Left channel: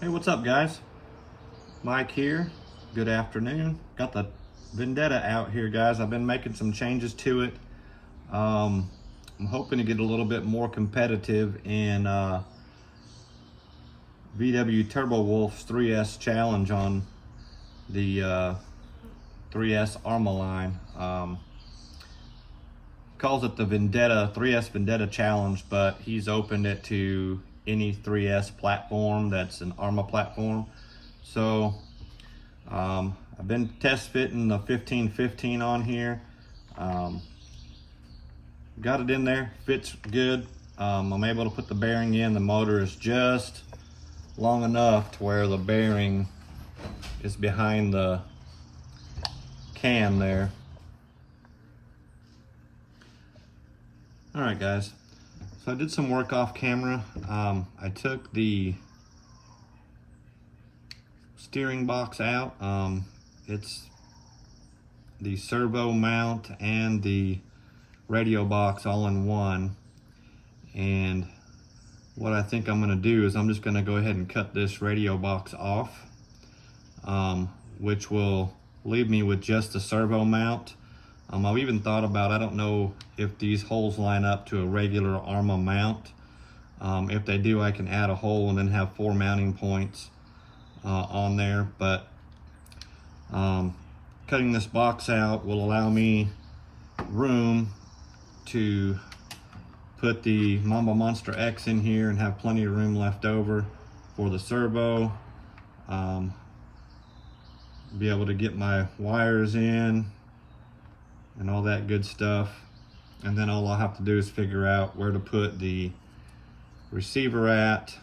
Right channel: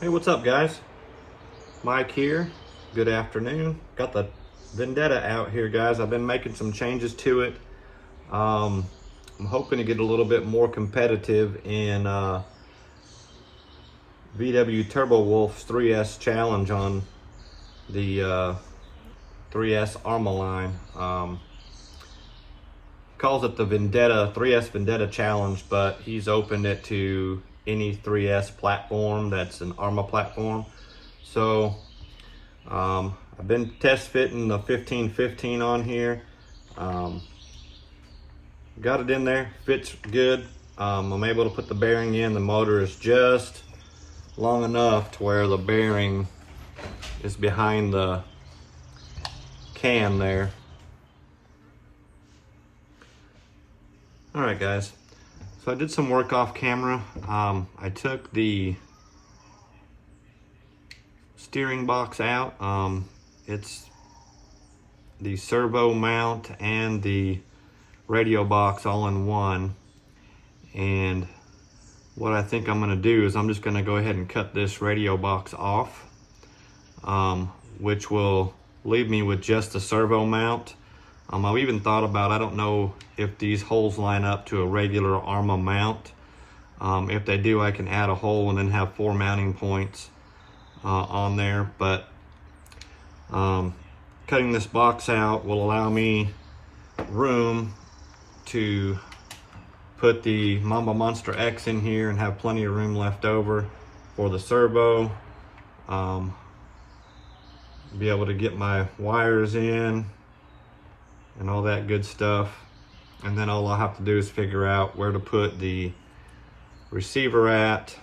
Hey, what's up guys? Mike here. Good afternoon. Got the Vendetta out here, guys. I've been making some changes to it. I'm hoping to get a little bit more competitive in VW Turbo Wolf's 3S challenge on the 3S Arrma line. Calls it the Vendetta 3S Vendetta challenge, but he's opened it to any 3S platform that's an Arrma platform. So I've been test fitting the 1515 on here. Got it in there, fits good. I'm able to put the bearing in. The motor is just long enough to where the bearing is behind the can there. All right guys, so I did some work off camera. I took the steering box out. It's the servo mount and the radio box all in one. And what I think I'm gonna do is I'm just gonna go ahead and cut this radio box off, which will leave me with just the servo mount. I've even thought about, I don't know if these holes line up to a regular Arrma mount. If they do, I can add a hole and then have 4 mounting points on there. But cutting this box out will allow me room to put the Mamba Monster X in here and have plenty of room left over for the servo. Be able to get my wires in and all that good stuff. And then all I'll have to do is figure out where to put the receiver at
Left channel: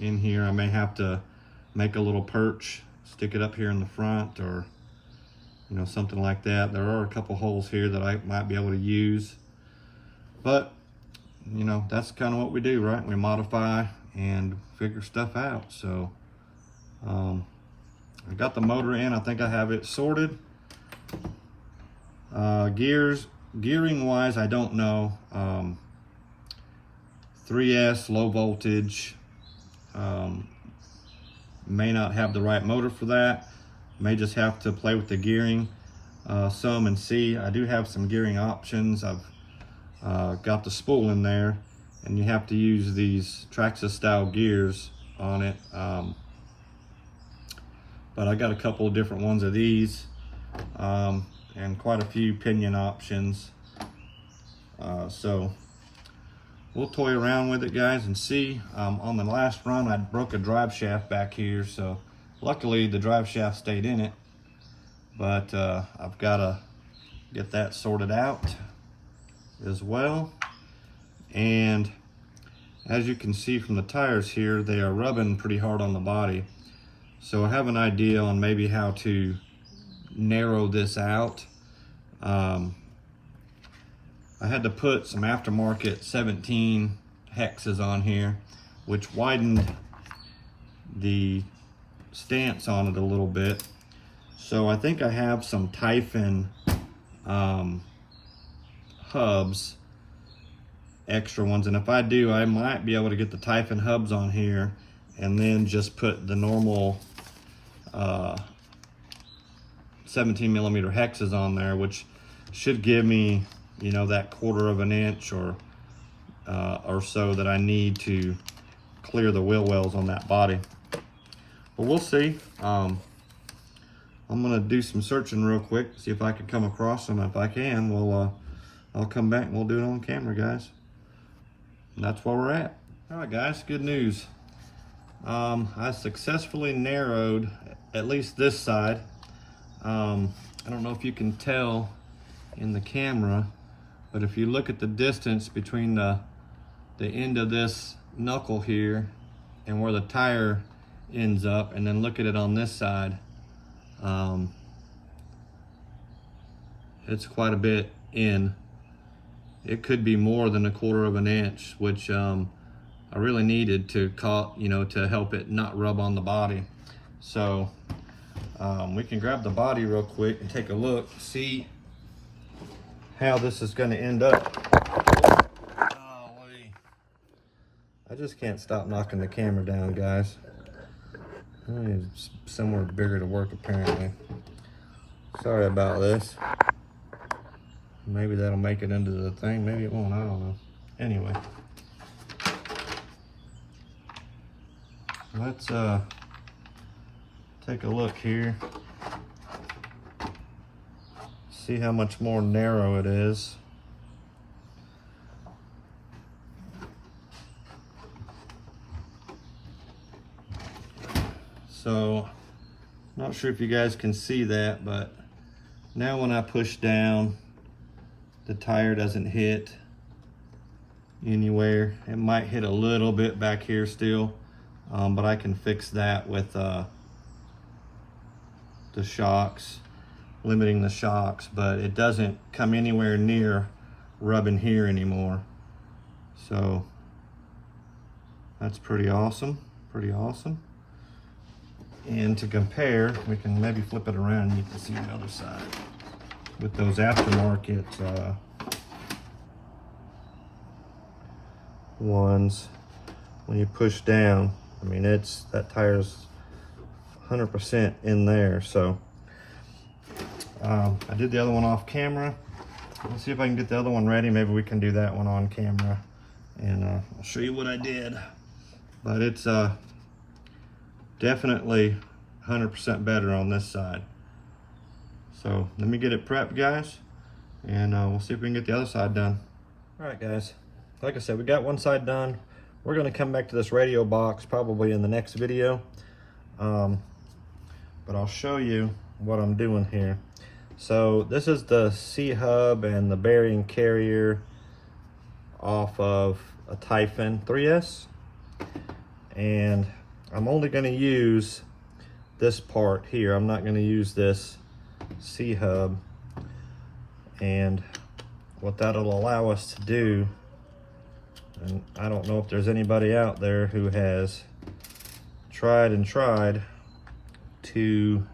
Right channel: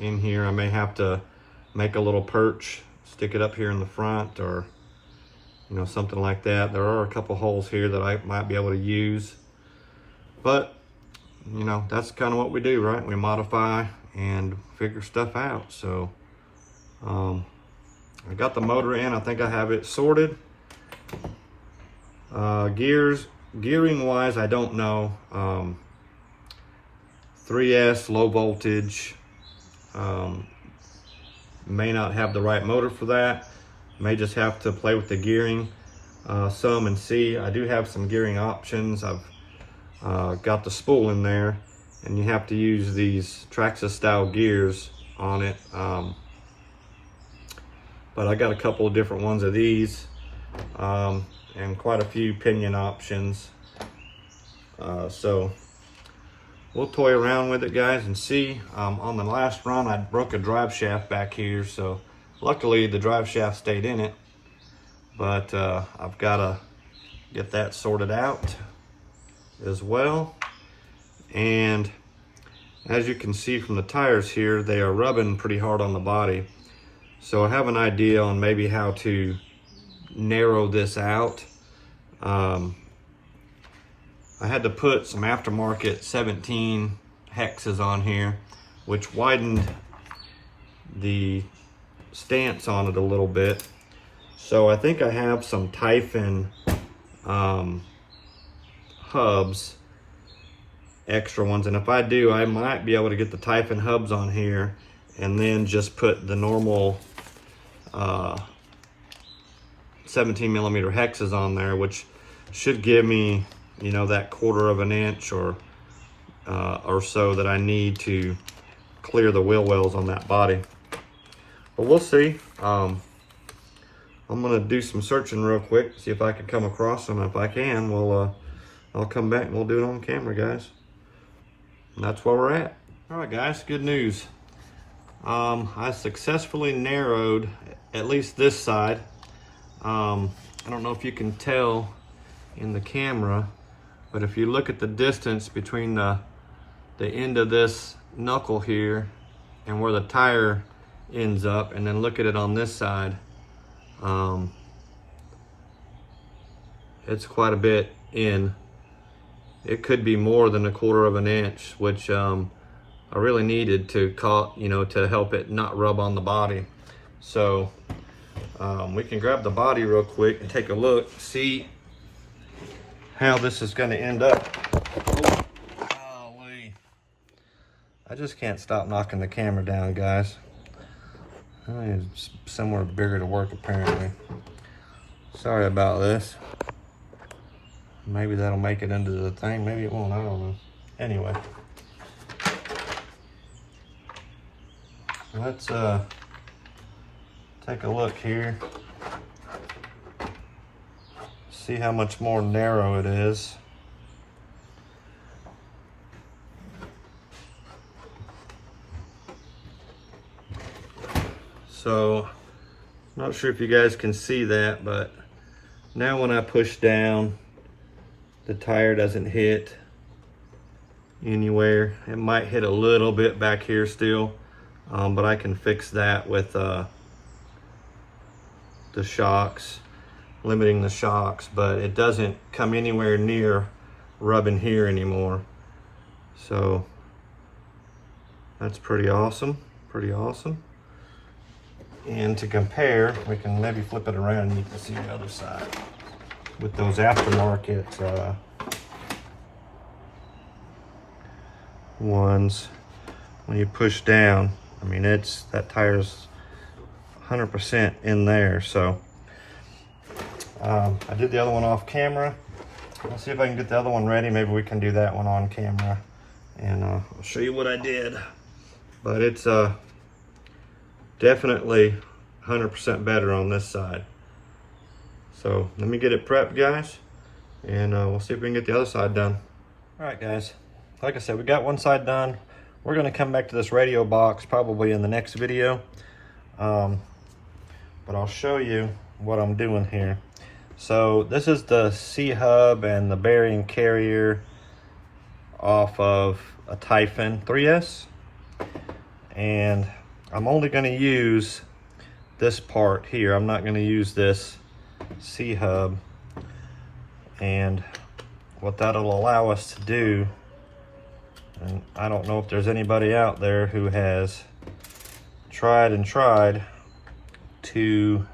in here. I may have to make a little perch, stick it up here in the front, or something like that. There are a couple holes here that I might be able to use, but that's kind of what we do, right? We modify and figure stuff out. So I got the motor in. I think I have it sorted. Gearing wise, I don't know. 3S low voltage, may not have the right motor for that. May just have to play with the gearing some and see. I do have some gearing options. I've got the spool in there, and you have to use these Traxxas style gears on it. But I got a couple of different ones of these. And quite a few pinion options. So we'll toy around with it, guys, and see. On the last run, I broke a drive shaft back here, so luckily the drive shaft stayed in it. But I've got to get that sorted out as well. And as you can see from the tires here, they are rubbing pretty hard on the body. So I have an idea on maybe how to narrow this out. I had to put some aftermarket 17 hexes on here, which widened the stance on it a little bit. So I think I have some Typhon hubs, extra ones, and if I do, I might be able to get the Typhon hubs on here and then just put the normal 17 millimeter hexes on there, which should give me that 1/4 of an inch or so that I need to clear the wheel wells on that body. But we'll see. I'm gonna do some searching real quick, see if I can come across them. If I can, I'll come back and we'll do it on camera, guys. And that's where we're at. All right, guys, good news. I successfully narrowed at least this side. I don't know if you can tell in the camera, but if you look at the distance between the end of this knuckle here and where the tire ends up, and then look at it on this side, it's quite a bit in. It could be more than a 1/4 of an inch, which I really needed to to help it not rub on the body. So we can grab the body real quick and take a look, see how this is going to end up. Golly. I just can't stop knocking the camera down, guys. It's somewhere bigger to work apparently. Sorry about this. Maybe that'll make it into the thing, maybe it won't, I don't know. Anyway. Let's take a look here. See how much more narrow it is. So, not sure if you guys can see that, but now when I push down, the tire doesn't hit anywhere. It might hit a little bit back here still, but I can fix that with the shocks, limiting the shocks, but it doesn't come anywhere near rubbing here anymore. So that's pretty awesome, pretty awesome. And to compare, we can maybe flip it around and you can see the other side. With those aftermarket ones, when you push down, I mean, that tire's 100% in there. So I did the other one off camera. Let's see if I can get the other one ready. Maybe we can do that one on camera, and I'll show you what I did. But it's definitely 100% better on this side. So let me get it prepped, guys, and we'll see if we can get the other side done. All right, guys, like I said, we got one side done. We're gonna come back to this radio box probably in the next video, but I'll show you what I'm doing here. So this is the C-hub and the bearing carrier off of a Typhon 3S, and I'm only going to use this part here. I'm not going to use this C-hub, and what that'll allow us to do, and I don't know if there's anybody out there who has tried to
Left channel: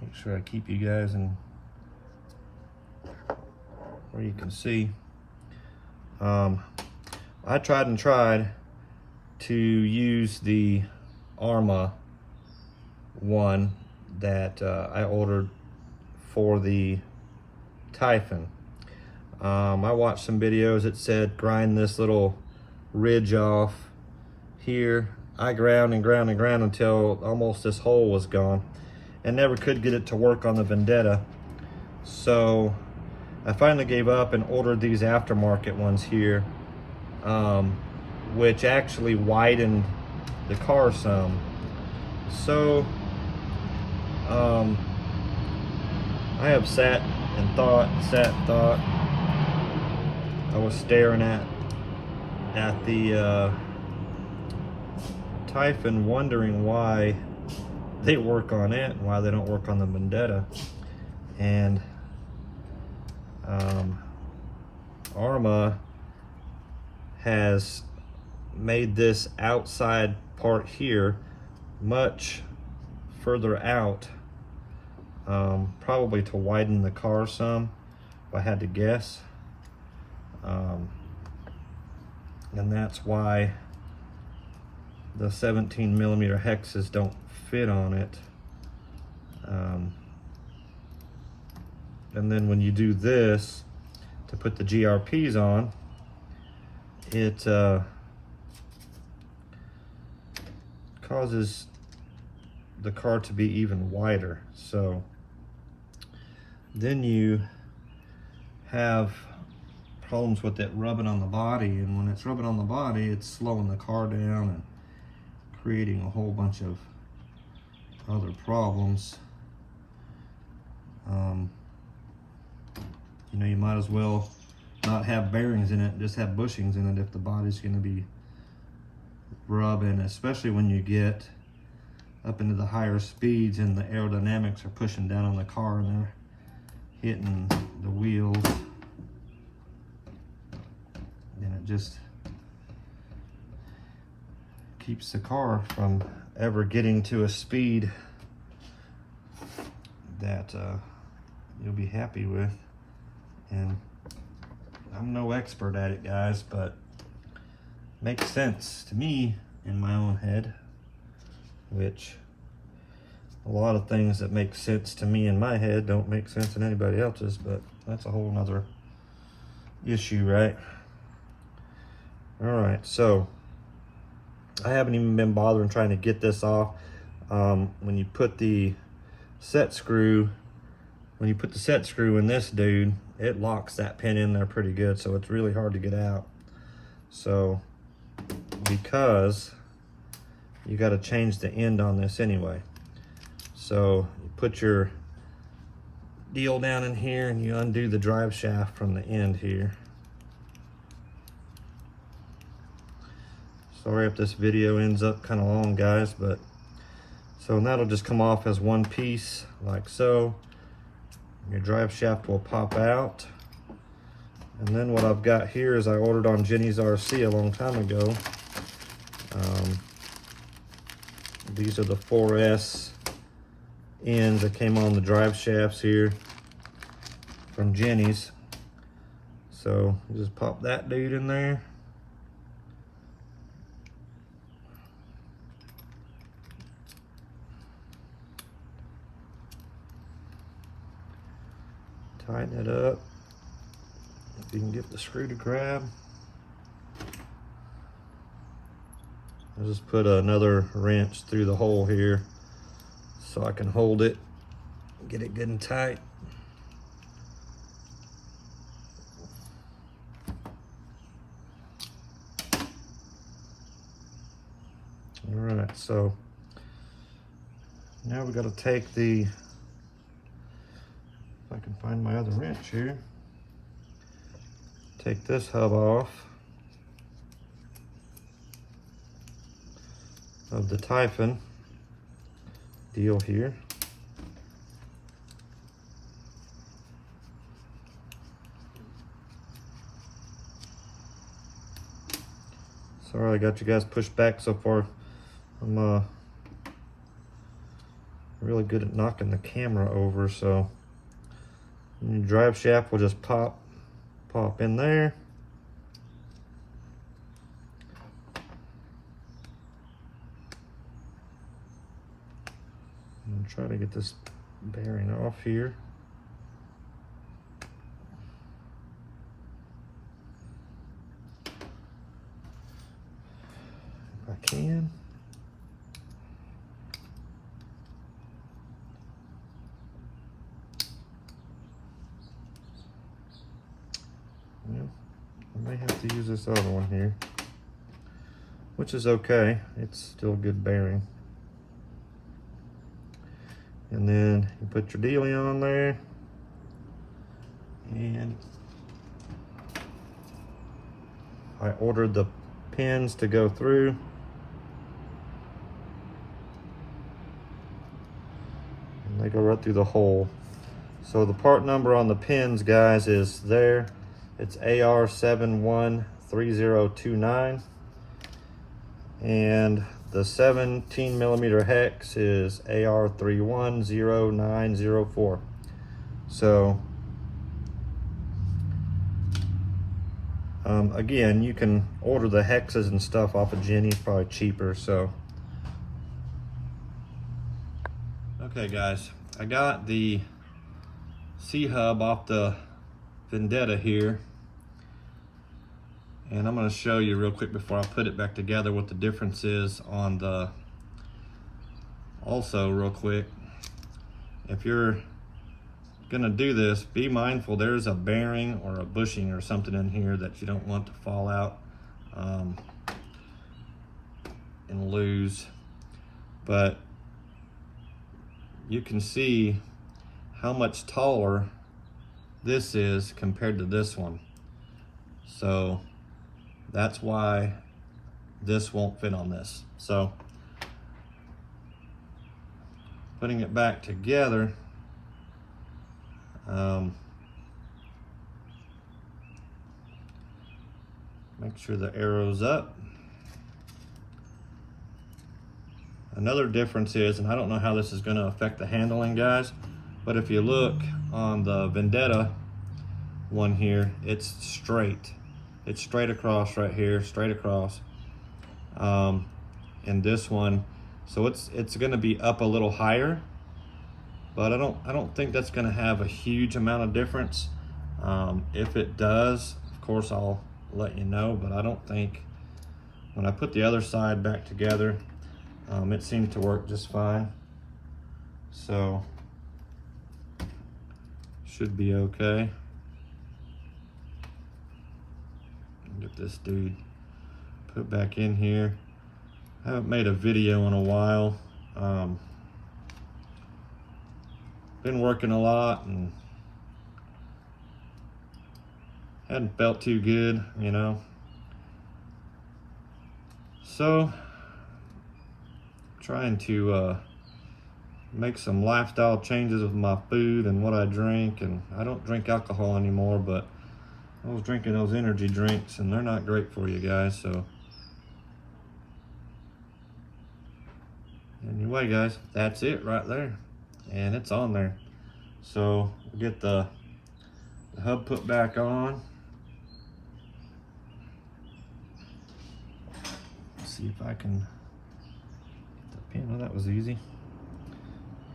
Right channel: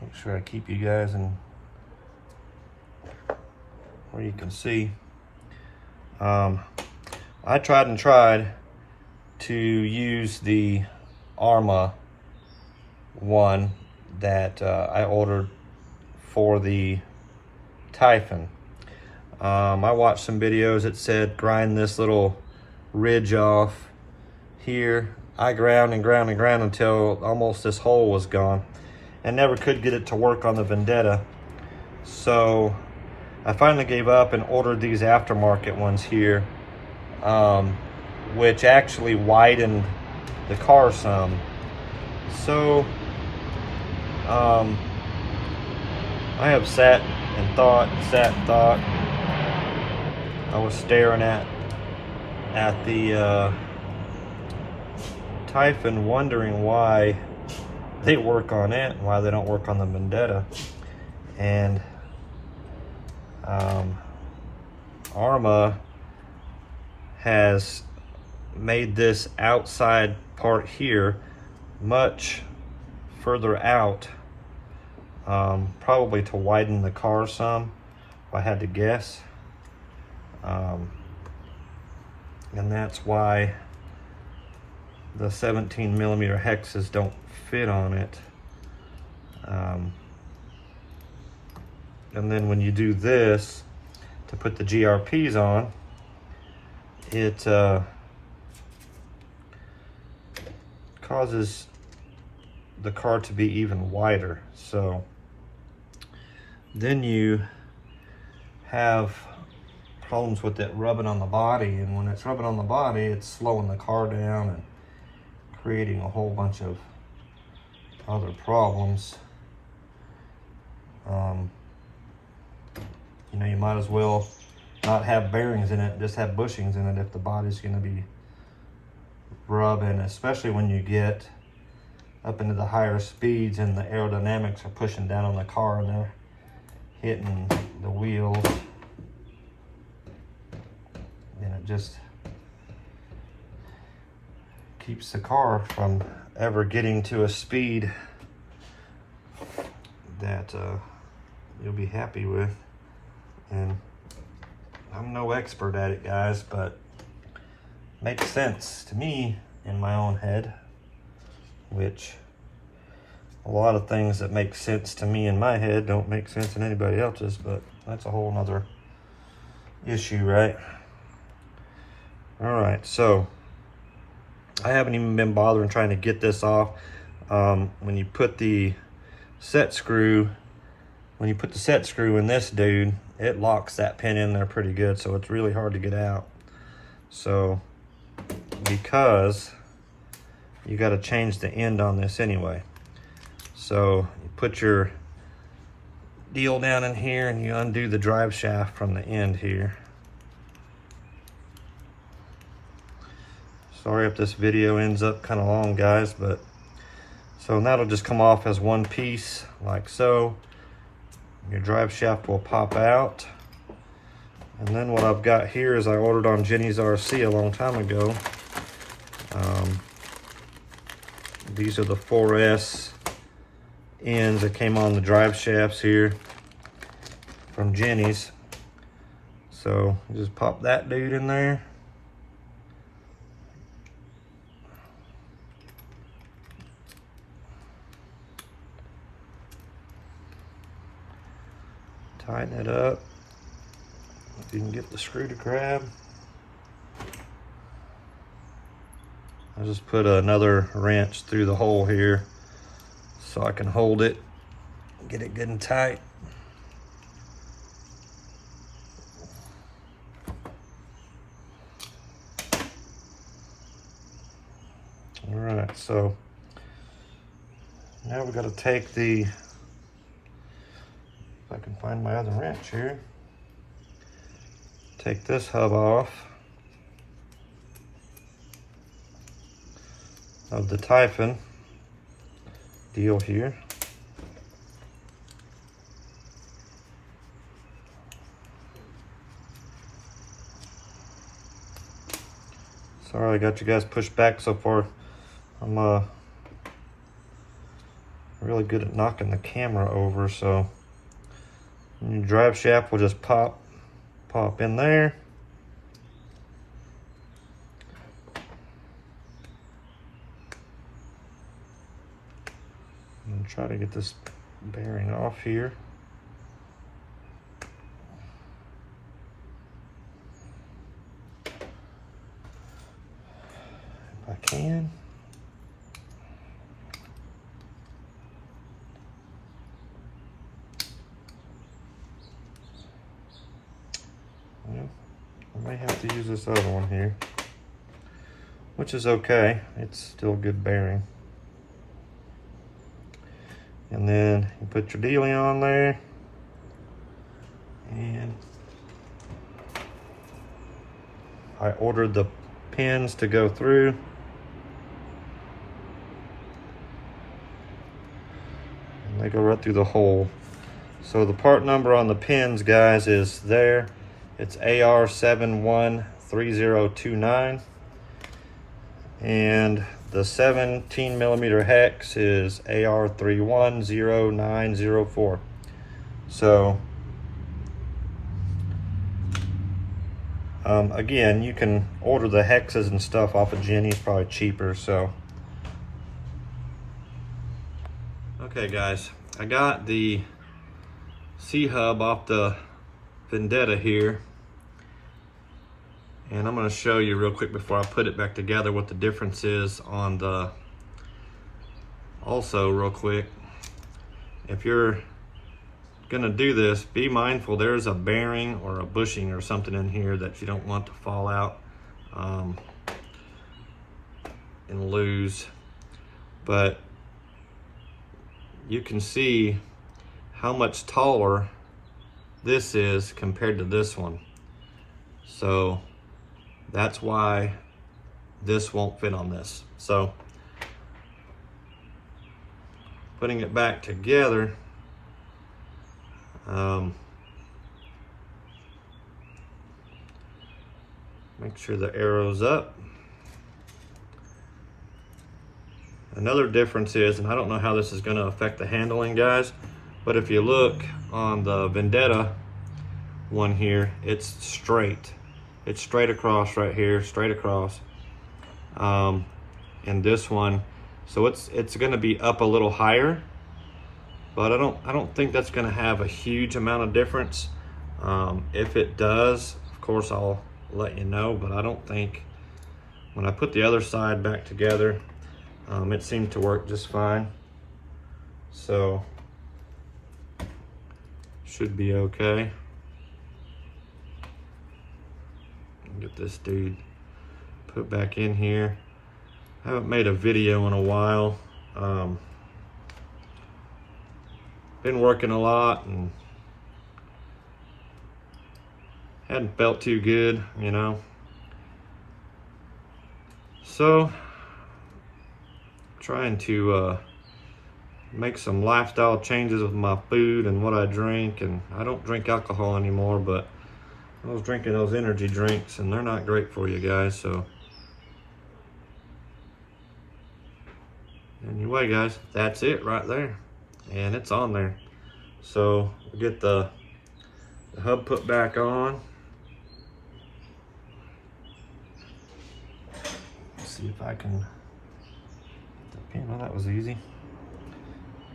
make sure I keep you guys in where you can see. I tried to use the Arrma one that I ordered for the Typhon. I watched some videos that said grind this little ridge off here. I ground until almost this hole was gone, and never could get it to work on the Vendetta. So I finally gave up and ordered these aftermarket ones here, which actually widened the car some. So I have sat and thought. I was staring at the Typhon, wondering why they work on it and why they don't work on the Vendetta. And Arrma has made this outside part here much further out, probably to widen the car some, if I had to guess. And that's why the 17mm hexes don't fit on it. And then when you do this to put the GRPs on, it causes the car to be even wider. So then you have problems with it rubbing on the body, and when it's rubbing on the body, it's slowing the car down and creating a whole bunch of other problems. You know, you might as well not have bearings in it, just have bushings in it if the body's going to be rubbing, especially when you get up into the higher speeds and the aerodynamics are pushing down on the car and they're hitting the wheels. And it just keeps the car from ever getting to a speed that you'll be happy with. And I'm no expert at it, guys, but it makes sense to me in my own head. which a lot of things that make sense to me in my head don't make sense in anybody else's, but that's a whole nother issue, right? All right, so I haven't even been bothering trying to get this off. When you put the set screw in this dude, it locks that pin in there pretty good, so it's really hard to get out. So, because you got to change the end on this anyway. So, you put your deal down in here and you undo the drive shaft from the end here. Sorry if this video ends up kind of long, guys, but so that'll just come off as one piece like so. Your drive shaft will pop out. And then what I've got here is I ordered on Jenny's RC a long time ago. These are the 4S ends that came on the drive shafts here from Jenny's. So just pop that dude in there. Tighten it up. If you can get the screw to grab. I'll just put another wrench through the hole here so I can hold it, get it good and tight. All right, so now we got to take the, if I can find my other wrench here, take this hub off of the Typhon deal here. Sorry I got you guys pushed back so far. I'm really good at knocking the camera over, so your drive shaft will just pop in there. And try to get this bearing off here. If I can. I may have to use this other one here, which is okay. It's still a good bearing. And then you put your dealie on there, and I ordered the pins to go through. And they go right through the hole. So the part number on the pins, guys, is there. It's AR713029, and the 17 millimeter hex is AR310904. So again, you can order the hexes and stuff off of Jenny's, probably cheaper. So okay, guys, I got the C-hub off the Vendetta here, and I'm going to show you real quick before I put it back together what the difference is on the, also real quick, if you're going to do this, be mindful there's a bearing or a bushing or something in here that you don't want to fall out and lose. But you can see how much taller this is compared to this one. So that's why this won't fit on this. So putting it back together, make sure the arrow's up. Another difference is, and I don't know how this is going to affect the handling, guys, but if you look on the Vendetta one here, it's straight. It's straight across right here, straight across. And this one, So it's going to be up a little higher, but I don't think that's going to have a huge amount of difference. If it does, of course I'll let you know, but I don't think, when I put the other side back together, it seemed to work just fine. So should be okay. Get this dude put back in here. I haven't made a video in a while. Been working a lot and hadn't felt too good, you know. So trying to make some lifestyle changes with my food and what I drink, and I don't drink alcohol anymore, but I was drinking those energy drinks and they're not great for you guys. So anyway guys, that's it right there, and it's on there. So we'll get the hub put back on. Let's see if I can get the pin. Oh, that was easy.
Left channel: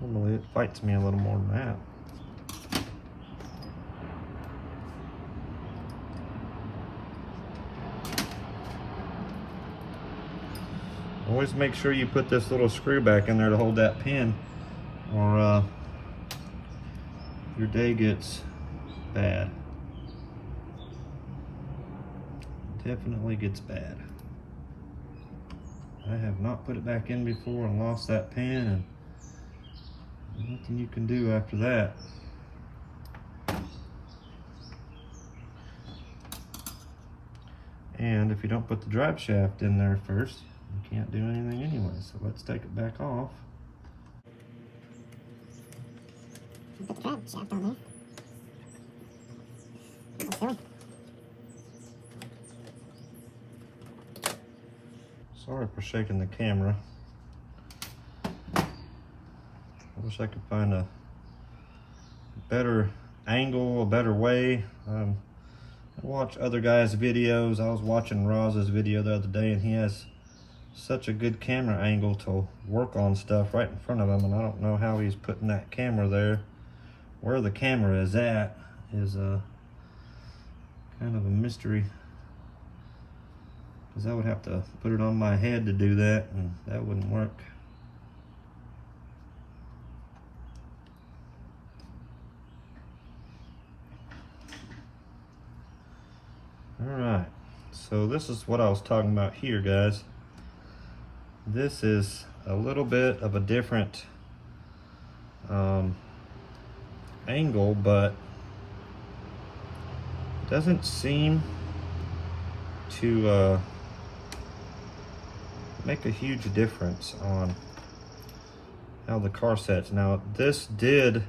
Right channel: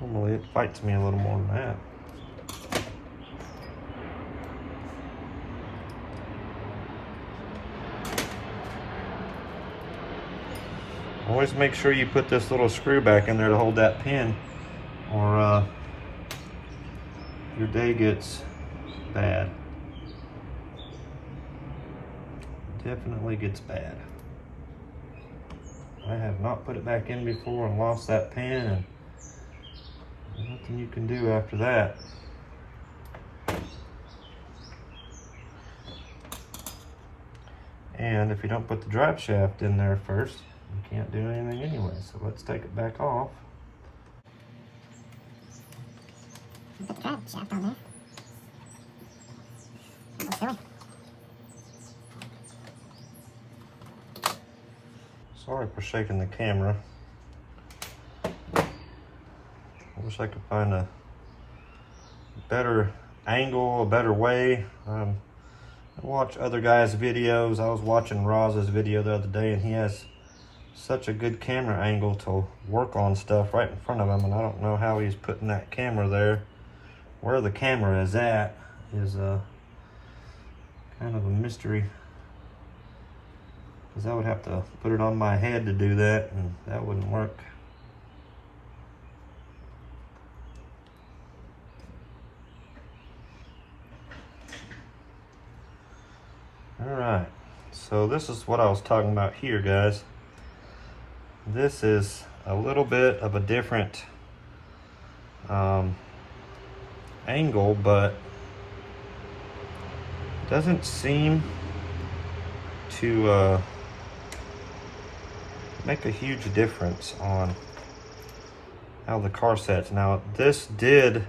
Normally it fights me a little more than that. Always make sure you put this little screw back in there to hold that pin, or your day gets bad. Definitely gets bad. I have not put it back in before and lost that pin, and there's nothing you can do after that. And if you don't put the drive shaft in there first, you can't do anything anyway. So let's take it back off. Put the drive shaft on there. Sorry for shaking the camera. I wish I could find a better angle, a better way. I watch other guys' videos. I was watching Roz's video the other day, and he has such a good camera angle to work on stuff right in front of him, and I don't know how he's putting that camera there. Where the camera is at is kind of a mystery, because I would have to put it on my head to do that, and that wouldn't work. Alright, so this is what I was talking about here, guys. This is a little bit of a different angle, but doesn't seem to make a huge difference on how the car sets. Now this did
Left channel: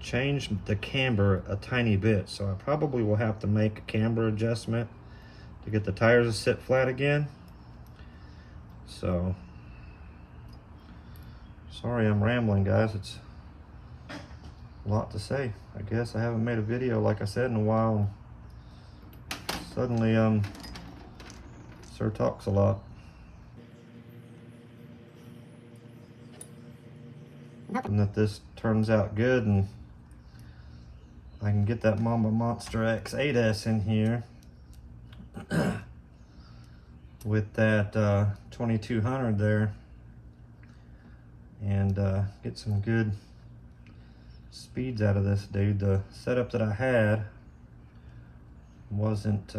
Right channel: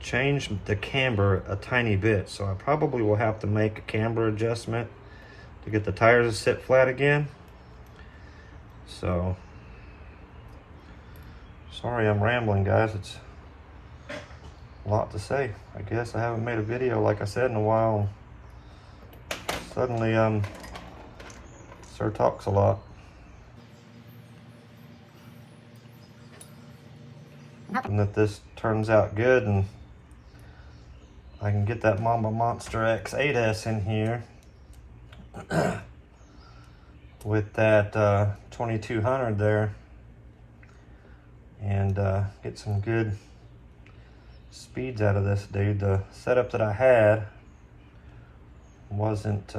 change the camber a tiny bit, so I probably will have to make a camber adjustment to get the tires to sit flat again. So sorry I'm rambling, guys. It's a lot to say. I guess I haven't made a video, like I said, in a while. Suddenly Sir talks a lot. And that this turns out good and I can get that Mama Monster X8S in here with that 2200 there, and get some good speeds out of this dude. The setup that I had wasn't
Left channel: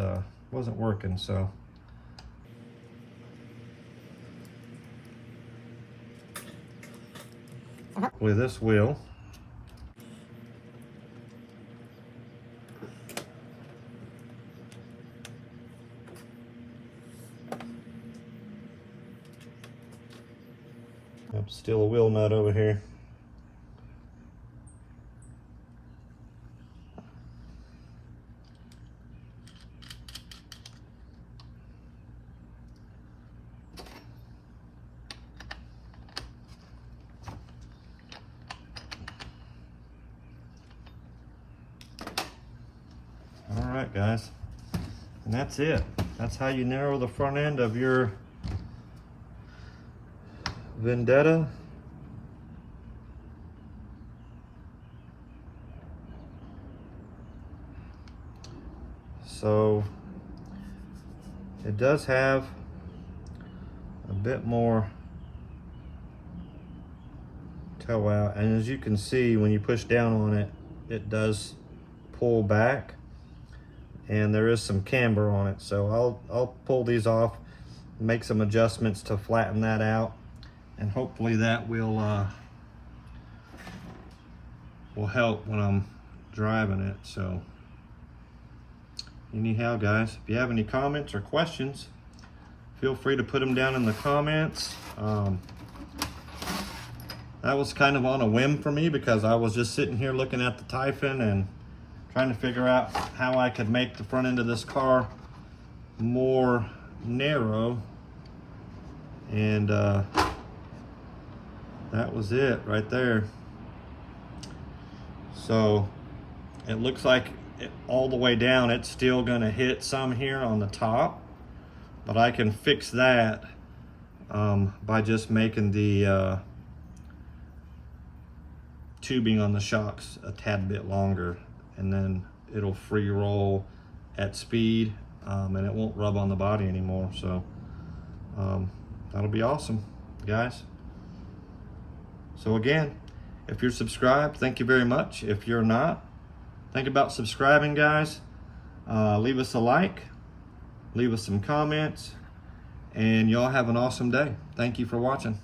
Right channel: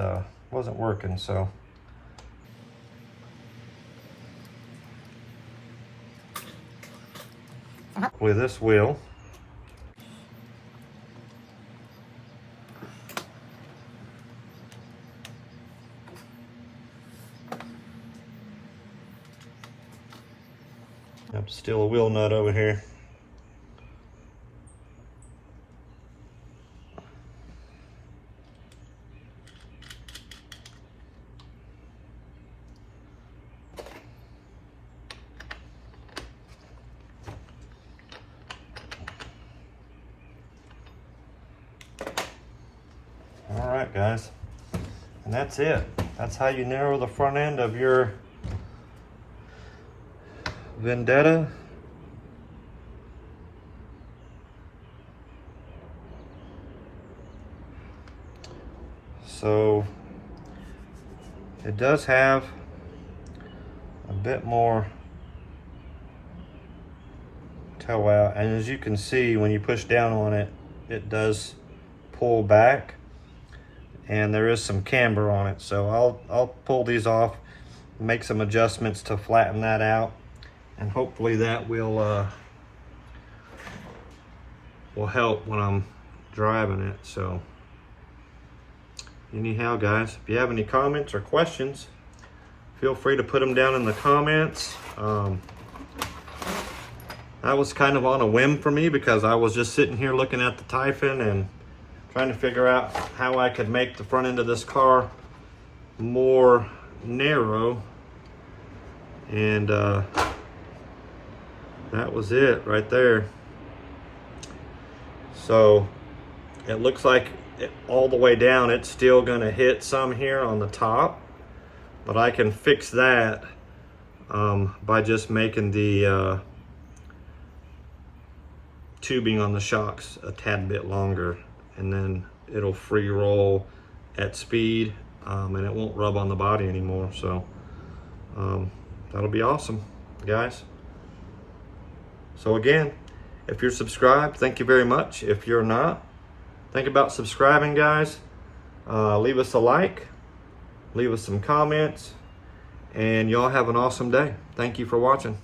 working, so with this wheel, have to steal a wheel nut over here. All right, guys, and that's it. That's how you narrow the front end of your Vendetta. So it does have a bit more toe out, and as you can see, when you push down on it, it does pull back, and there is some camber on it. So I'll pull these off, make some adjustments to flatten that out, and hopefully that will help when I'm driving it. So anyhow, guys, if you have any comments or questions, feel free to put them down in the comments. That was kind of on a whim for me, because I was just sitting here looking at the Typhon and trying to figure out how I could make the front end of this car more narrow, and that was it right there. So it looks like all the way down it's still going to hit some here on the top, but I can fix that by just making the tubing on the shocks a tad bit longer, and then it'll free roll at speed, and it won't rub on the body anymore. So that'll be awesome, guys. So again, if you're subscribed, thank you very much. If you're not, think about subscribing, guys. Leave us a like, leave us some comments, and y'all have an awesome day. Thank you for watching.